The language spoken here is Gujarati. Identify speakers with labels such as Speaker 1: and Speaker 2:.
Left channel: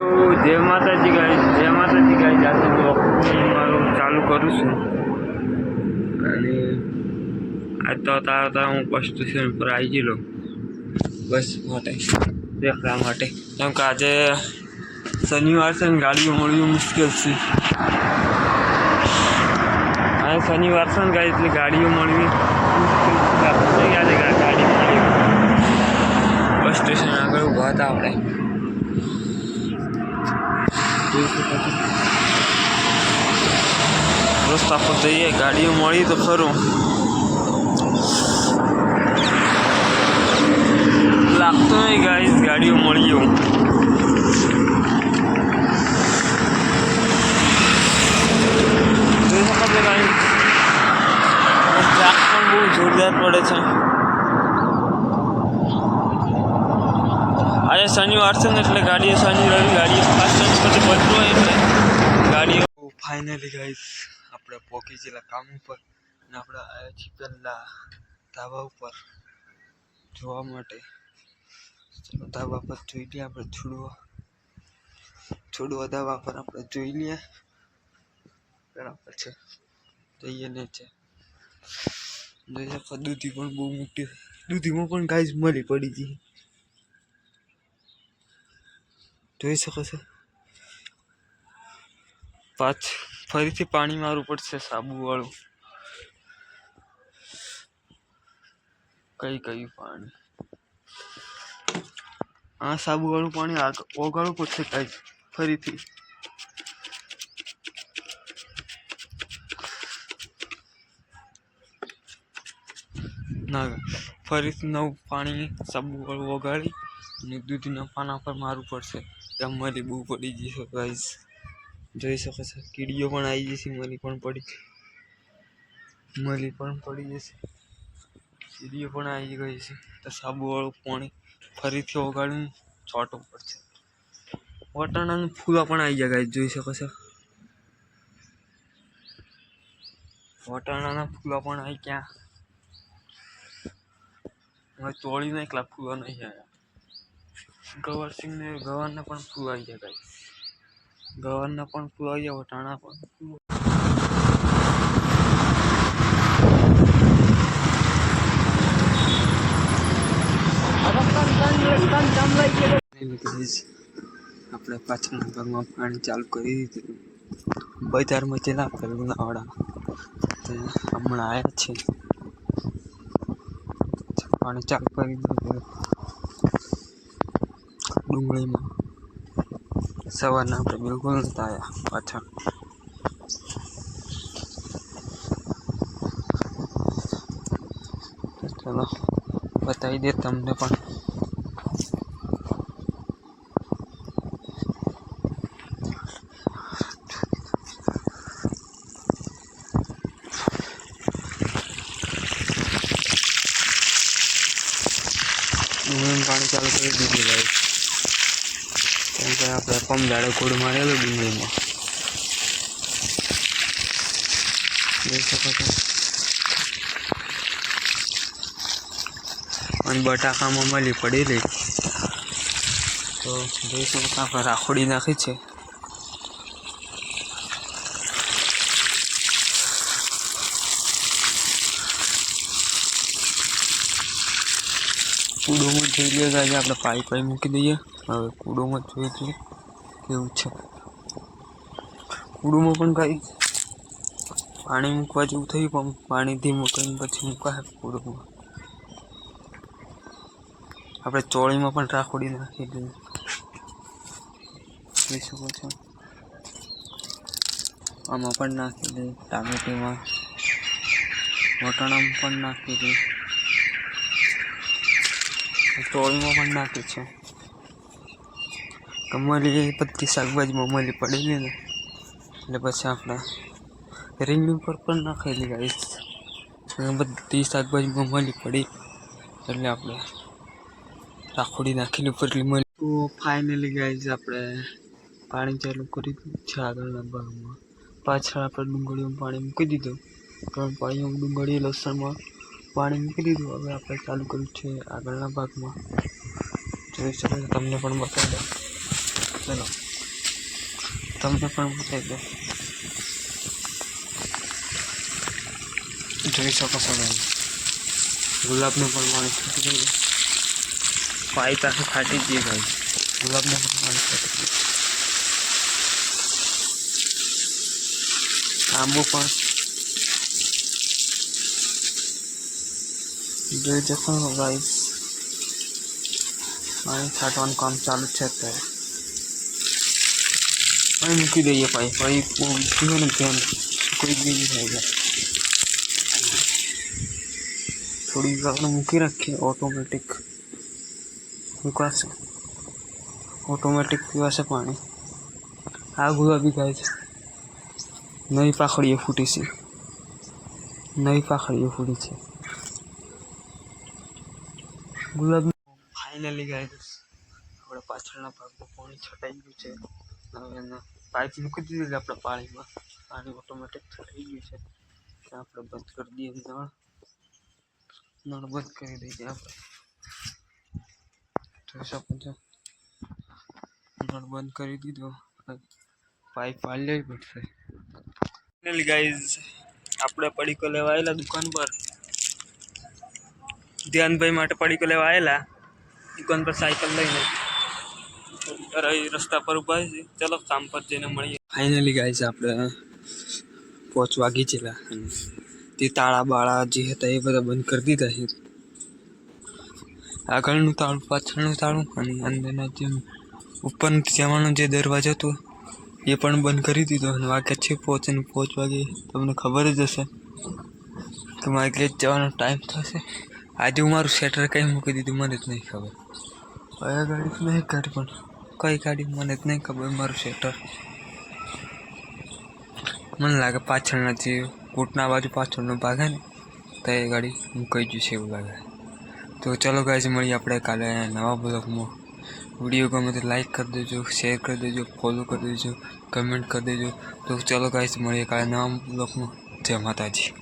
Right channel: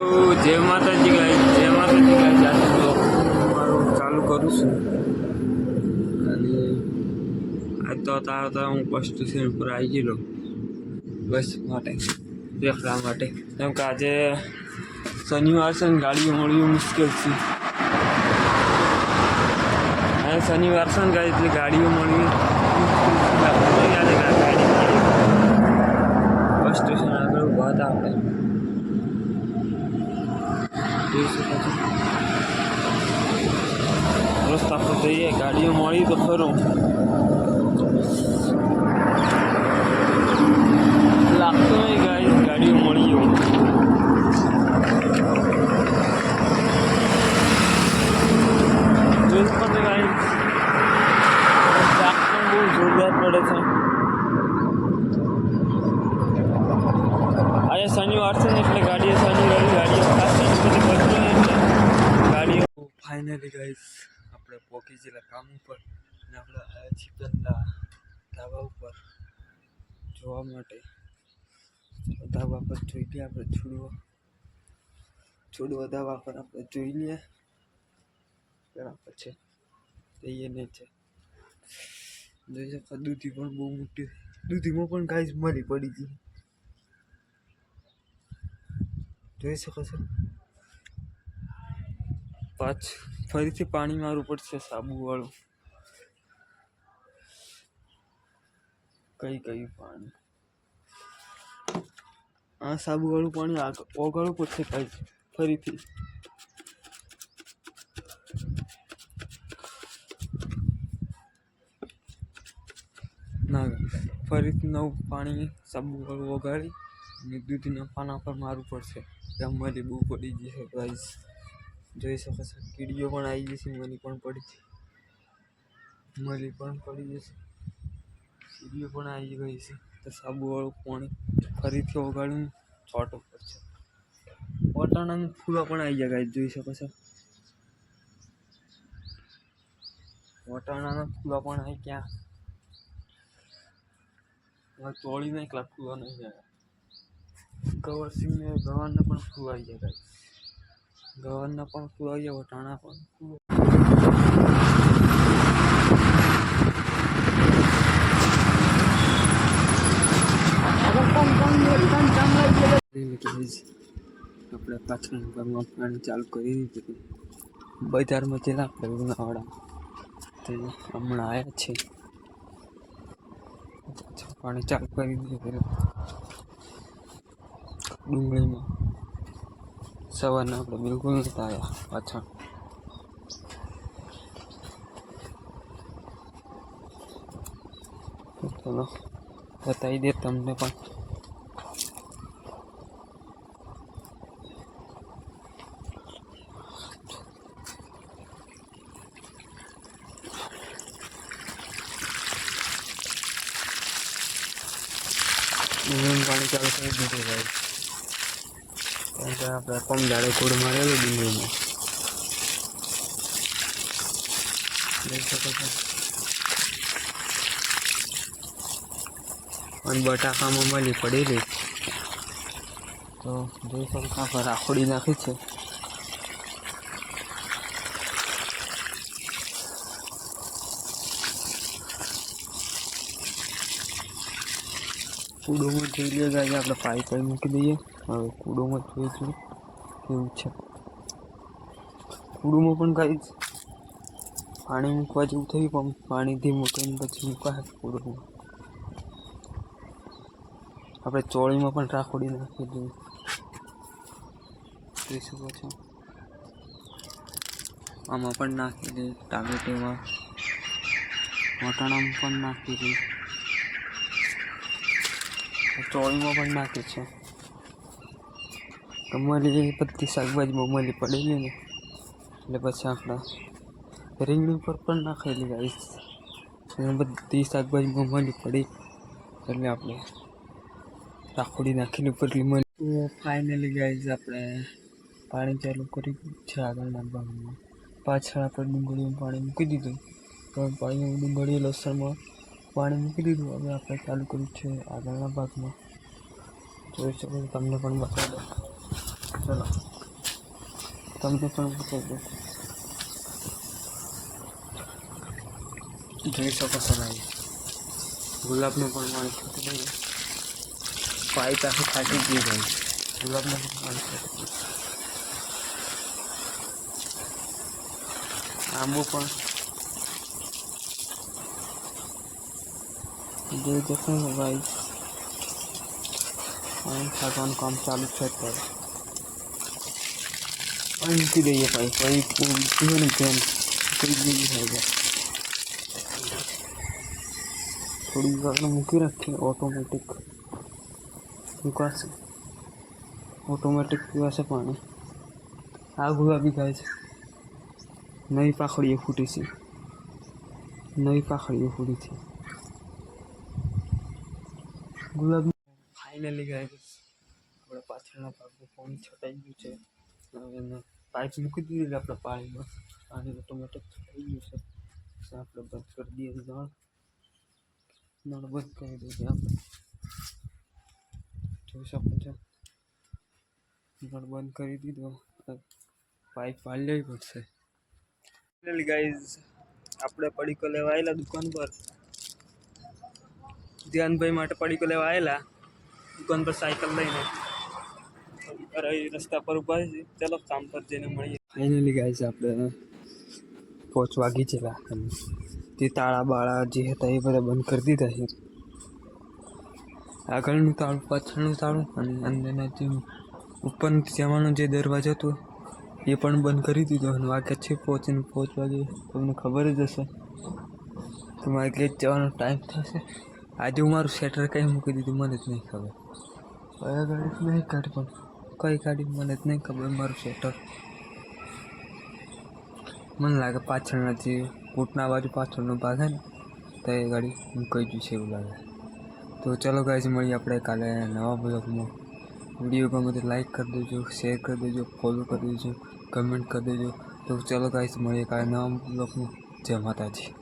Speaker 1: જય માતાજી ગાય જય માતાજી ગાય જાતું બ્લોગ હું મારું ચાલુ કરું છું. અને આજ તો તાર તારા હું બસ સ્ટેશન પર આવી ગયેલો. બસ માટે દેખવા માટે. કેમ કે આજે શનિવાર છે ને, ગાડીઓ મળવી મુશ્કેલ છે. અને શનિવાર છે ને ગાડી એટલે ગાડીઓ મળવી ગાડી મળી. બસ સ્ટેશન આગળ ઊભા હતા આપણે. રસ્તા પર જઈએ, ગાડીઓ મળી તો ખરું. લાગતો નહીં ગાઈસ ગાડીઓ મળી એવું. ટ્રાક પણ બહુ જોરદાર પડે છે. આજે શનિવાર છે ને એટલે ગાડીઓ શનિ રવિ ગાડીઓ ખાસ શનિ પછી બધું હોય એટલે ગાડીઓ ફાઇનલી ગાઈસ આપણે પહોંચી ગયેલા કામ ઉપર અને આપણે આવ્યા છીએ પહેલાં ધાબા ઉપર જોવા માટે. ચલો ધાબા પર જોઈ લઈએ આપણે છોડવા છોડવા ધાબા પર આપણે જોઈ લઈએ. બરાબર છે. જઈએ ને છે દૂધી પણ બહુ મોટી દૂધીમાં પણ ગાઈસ મરી પડી ગઈ જોઈ શકો છો. પાછ, ફરીથી પાણી મારવું પડશે સાબુવાળું. કઈ કયું પાણી? આ સાબુવાળું પાણી ઓગાળવું પડશે કઈ, ફરીથી. ના, ફરીથી નવું પાણી સાબુવાળું ઓગાળી અને દૂધના પાના પર મારવું પડશે. ત્યાં બહુ પડી જશે ગાઈસ જોઈ શકો છો, કીડીઓ પણ આવી જશે મરી પણ પડી. મરી પણ પડી જશે. કીડીઓ પણ આવી ગઈ છે. તો સાબુવાળું પાણી ફરીથી ઓગાળીને છોટવું પડશે. વટાણાનું ફૂલા પણ આવી ગયા ગાઈસ જોઈ શકો છો. વટાણાના ફૂલા પણ આવી હવે તોડી નાખલા ફૂલા નહીં આવ્યા. ગવરસિંહ ને ગવારના પણ ફૂલ આવી ગયા ગાઈસ ગવારના પણ ફૂલ આવી ગયા વટાણા પણ આપણે પાછળના ભાગમાં પાણી ચાલુ કરી દીધું. બજારમાં જેલા લુણાવાડા તે હમણાં આવ્યા છે પાણી ચાલુ કરી દીધું. ડુંગળીમાં સવારના આપણે બિલકુલ નહોતા આવ્યા પાછા તો ચલો બતાવી દે તમને પણ ડુંગળીનું પાણી ચાલુ કરી દીધું ભાઈ કેમ કે આપણે પમ દાડે કોડ મારેલો ડુંગળીમાં જોઈ શકો છો. અને બટાકામાં મળી પડેલી તો જોઈ શકો આપણે રાખોડી નાખી છે. કૂડોમાં જોઈ લઈએ આજે આપણે પાઈ પાઈ મૂકી દઈએ. હવે કૂડોમાં જોઈ લઈએ કેવું છે. કૂડોમાં પણ કાંઈ પાણી મૂકવા જેવું થયું, પણ પાણીથી મૂકીને પછી મૂકાય કૂડોમાં. આપણે ચોળીમાં પણ રાખોડી નાખી દઈએ જોઈ શકો છો. આમાં પણ નાખી દઈએ ટામેટીમાં, વટાણામાં પણ નાખી દઈએ ચોળીમાં પણ નાખી છે. કમલી બધી શાકભાજીમાં મલી પડેલી ને. એટલે પછી આપણે રીંગણી ઉપર પણ નાખેલી અને બધી શાકભાજીમાં મલી પડી. એટલે આપણે રાખોડી નાખીને ઉપરલી મળી. તો ફાઇનલી ગાઈસ આપણે પાણી ચાલુ કરી દીધું છે આગળના ભાગમાં. પાછળ આપણે ડુંગળીમાં પાણી મૂકી દીધું. પણ પાણી ડુંગળી લસણમાં પાણી મૂકી દીધું હવે આપણે ચાલુ કર્યું છે આગળના ભાગમાં. જોઈ શકો છો તમને પણ બતાવી દઉં. ચલો. તમને પણ બતાવી દો જોઈ શકો છો ભાઈ ગુલાબને પણ પાણી છૂટી ગયું. પાઇપ આખી ફાટી ગઈ ભાઈ. ગુલાબને પણ પાણી છૂટી ગયું. આંબુ પણ જોઈ જશો ભાઈ પાણી છાંટવાનું કામ ચાલુ છે અત્યારે અહીં મૂકી દઈએ પાઇપ પાઇપ ઊભી ને ધ્યાન કોઈ બીજી થઈ જાય થોડી વાર મૂકી રાખીએ ઓટોમેટિક મૂકાશે ઓટોમેટિક પીવાશે પાણી આ ગુલાબી ગાય છે નવી પાખડીઓ ફૂટી છે નવી પાખડીઓ ફૂટી છે ગુલાબી ફાઇનલી ગાય આપણા પાછળના ભાગમાં પાણી છટાઈ ગયું છે. હવે એને પાઇપ મૂકી દીધી આપણા પાણીમાં. પાણી ઓટોમેટિક છટાઈ ગયું છે. આપણે બંધ કરી દઈએ નળ. નળ બંધ કરી દઈએ આપણે. જોઈ શકો નળ બંધ કરી દીધો. પાઇપ પાડી લેવી પડશે. ગાઈઝ આપણે પડીકો લેવા આવેલા દુકાન પર. ધ્યાનભાઈ માટે પડીકો લેવા આવેલા. દુકાન પર સાયકલ લઈને રસ્તા પર ઊભા છે. ચલો કામ પર જઈને મળીએ. ફાઇનલી ગાઈઝ આપણે પહોંચવા વાગી અને તે તાળા બાળા જે હતા એ બધા બંધ કરી દીધા છે. આગળનું તાળું, પાછળનું તાળું અને અંદરના જે ઉપર જવાનો જે દરવાજો હતો એ પણ બંધ કરી દીધો અને વાગ્યા છે પહોંચીને પહોંચ વાગે. તમને ખબર જ હશે. કે મારે ગેટ જવાનો ટાઈમ થશે. આજે હું મારું શેટર કંઈ મૂકી દીધું, મને જ નહીં ખબર. કયા ગાડી નહીં ગાડી પણ? કઈ ગાડી? મને જ નહીં ખબર, મારું શેટર મને લાગે પાછળના જે કોટના બાજુ પાછળનો ભાગ હે ને, તો એ ગાડી મૂકાઈ ગયું છે એવું લાગે. તો ચલો ગાય મળીએ આપણે કાલે નવા બ્લોગમાં વીડિયો ગમે તો લાઈક કરી દેજો શેર કરી દેજો ફોલો કરી દેજો કમેન્ટ કરી દેજો. તો ચલો ગાય મળીએ કાલે નવા બ્લોગમાં જય માતાજી.